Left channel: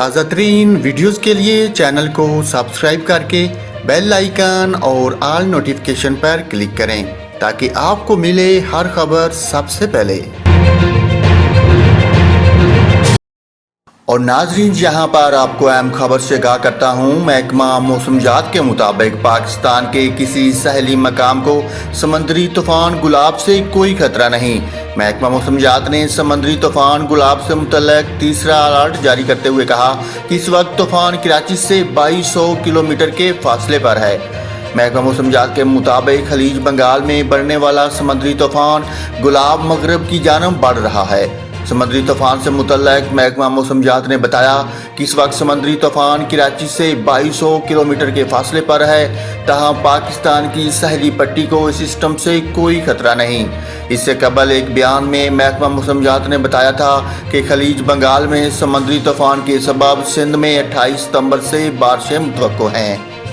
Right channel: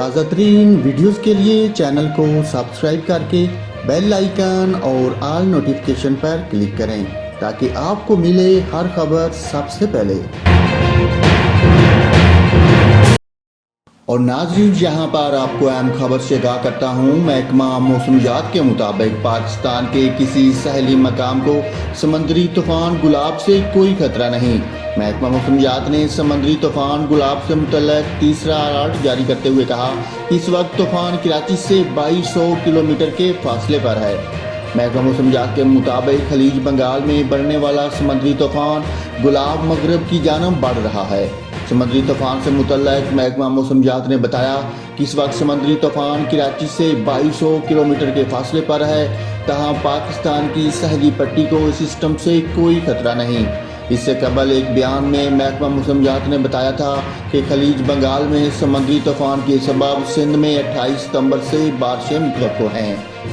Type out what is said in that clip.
ताज़ा तरीन वीडियोज़ के लिए चैनल को सब्सक्राइब करके बेल आइकन और ऑल नोटिफिकेशन पर क्लिक करें ताकि आपको मिले हर खबर सबसे पहले। और नाजरीन, यहाँ पर आपको अहम खबर से आगाह करता हूँ। महकमा मौसमियात के मुताबिक पाकिस्तान के किसी सहेली मकाम को समंदरी तूफान गुलाब से कोई खतरा नहीं। महकमा मौसमियात ने समंदरी तूफान गुलाब से मुतल्लिक तीसरा अलर्ट जारी करते हुए कहा कि इस वक्त तूफान कराची से 2200 किलोमीटर के फासले पर है। महकमा मौसमियात के मुताबिक खलीज बंगाल में बढ़ने वाला समंदरी तूफान गुलाब मगरब की जानब बढ़ रहा है। समंदरी तूफान से मुतल्लिक महकमा मौसमियात ने बताया कि इस वक्त समंदरी तूफान कराची से 2200 किलोमीटर के फासले पर है, तहाँ पाकिस्तान की सहेली पट्टी को इस सिस्टम से कोई खतरा नहीं। इससे कबल एक बयान में महकमा मौसमियात ने बताया था कि खलीज बंगाल में समंदरी तूफान के सबब सिंध में 28 सितंबर से बारिशें मुतवक्को हैं।